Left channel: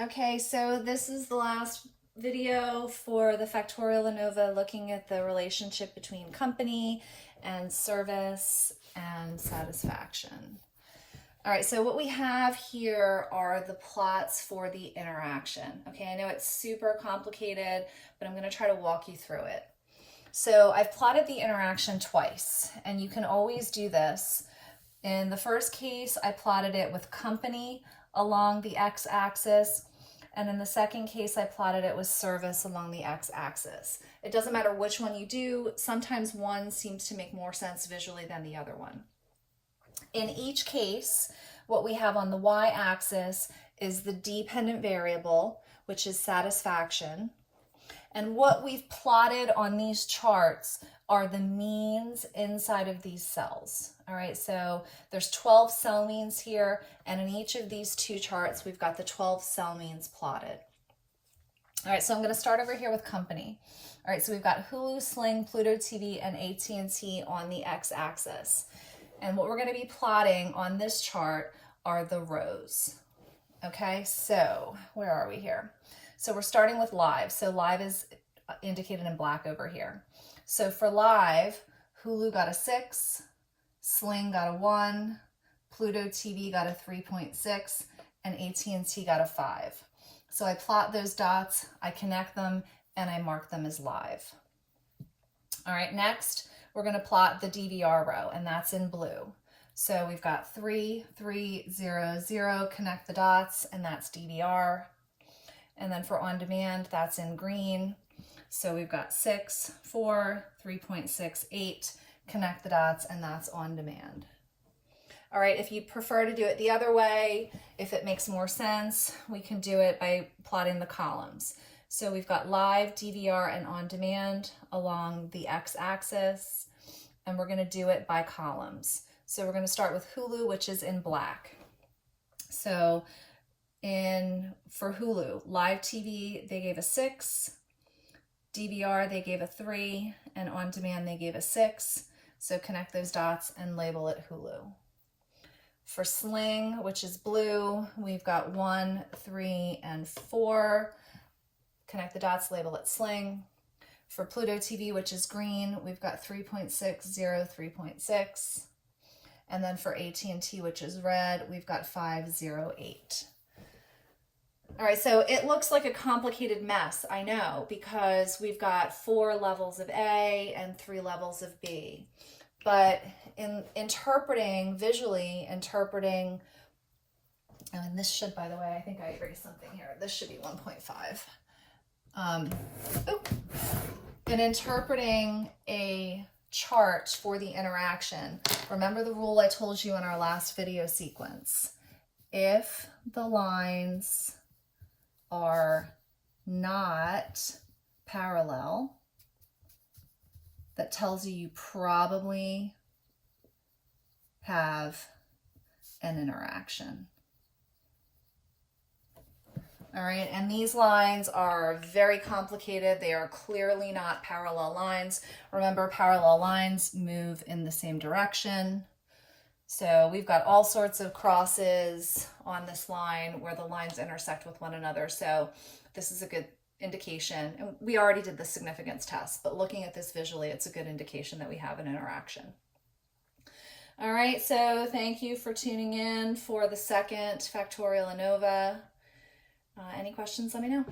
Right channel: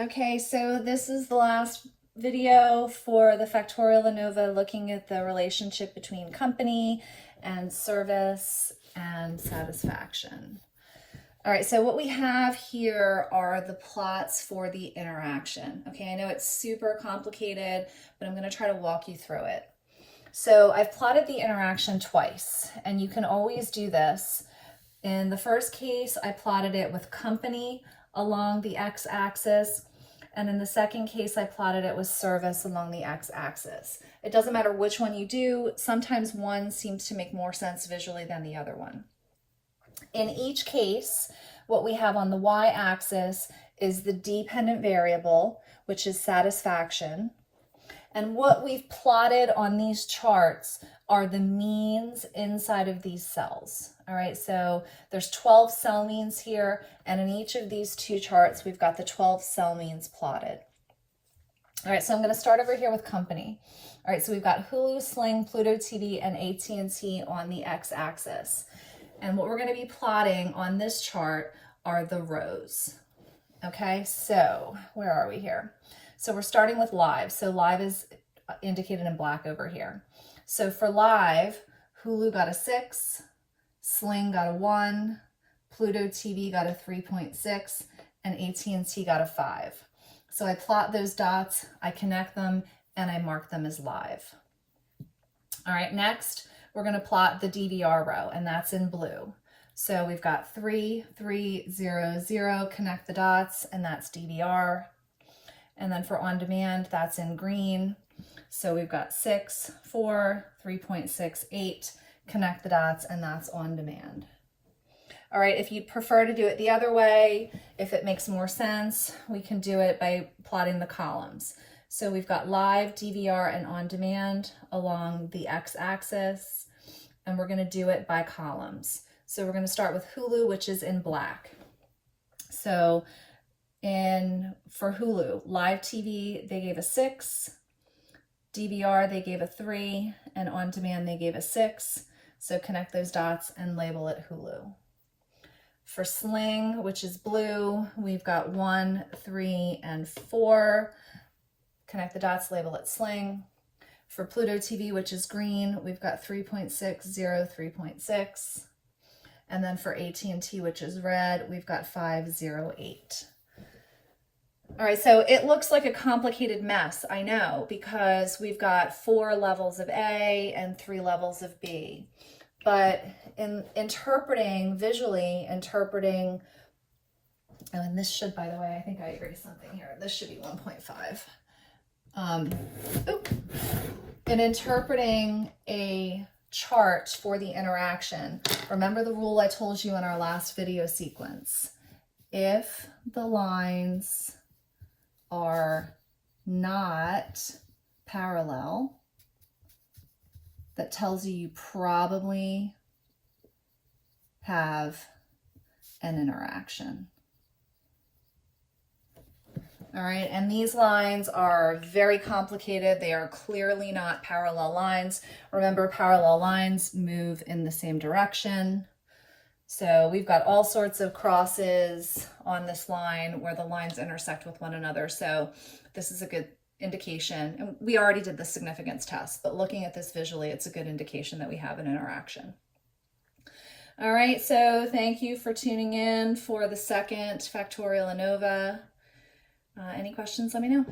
Okay, so this is the last video for the Factorial ANOVA, looking at the relationship between company and service and satisfaction. All right, so what we have here are the plots for the interaction. Okay, I know it's super complicated, but I'm going to try to walk you through it. So I've plotted the interaction twice, and you can always do this. In the first case, I plotted it with company along the x-axis, and in the second case, I plotted it with service along the x-axis. It doesn't matter which one you do. Sometimes one seems to make more sense visually than the other one. In each case, what we have on the y-axis is the dependent variable, which is satisfaction. And what we've plotted on these charts are the means inside of these cells. All right, so there's 12 cell means here, and in each of these two charts, we've got the 12 cell means plotted. All right, so I'm going to start over here with company. All right, so we've got Hulu, Sling, Pluto TV, and AT&T on the x-axis. And what we're going to be plotting on this chart are the rows. Okay, so where are we here? So we're starting with live. So live is indicated in black over here. So for live, Hulu got a 6, Sling got a 1, Pluto TV got a 3.6, and AT&T got a 5. So I plot those dots, I connect them, and I mark them as live. All right, next we're going to plot the DVR row, and that's in blue. So we've got 3, 3, 0, 0, connect the dots, and that's DVR. And then for on demand, that's in green. So we've got 6, 4, 3.68, connect the dots, and that's on demand. All right, if you prefer to do it the other way, if it makes more sense, we can do it by plotting the columns. So we've got live, DVR, and on demand along the x-axis, and we're going to do it by columns. So we're going to start with Hulu, which is in black. So for Hulu, live TV, they gave a 6, DVR, they gave a 3, and on demand, they gave a 6. So connect those dots and label it Hulu. For Sling, which is blue, we've got 1, 3, and 4. Connect the dots, label it Sling. For Pluto TV, which is green, we've got 3.6, 0, 3.6. And then for AT&T, which is red, we've got 5, 0, 8. All right, so it looks like a complicated mess, I know, because we've got 4 levels of A and 3 levels of B. But in visually interpreting, oh, and this should, by the way, I think I erased something here. This should be 1.5. In interpreting a chart for the interaction, remember the rule I told you in our last video sequence. If the lines are not parallel, that tells you you probably have an interaction. All right, and these lines are very complicated. They are clearly not parallel lines. Remember, parallel lines move in the same direction. So we've got all sorts of crosses on this line where the lines intersect with one another. So this is a good indication. And we already did the significance test, but looking at this visually, it's a good indication that we have an interaction. All right, so thank you for tuning in for the second Factorial ANOVA. Any questions, let me know.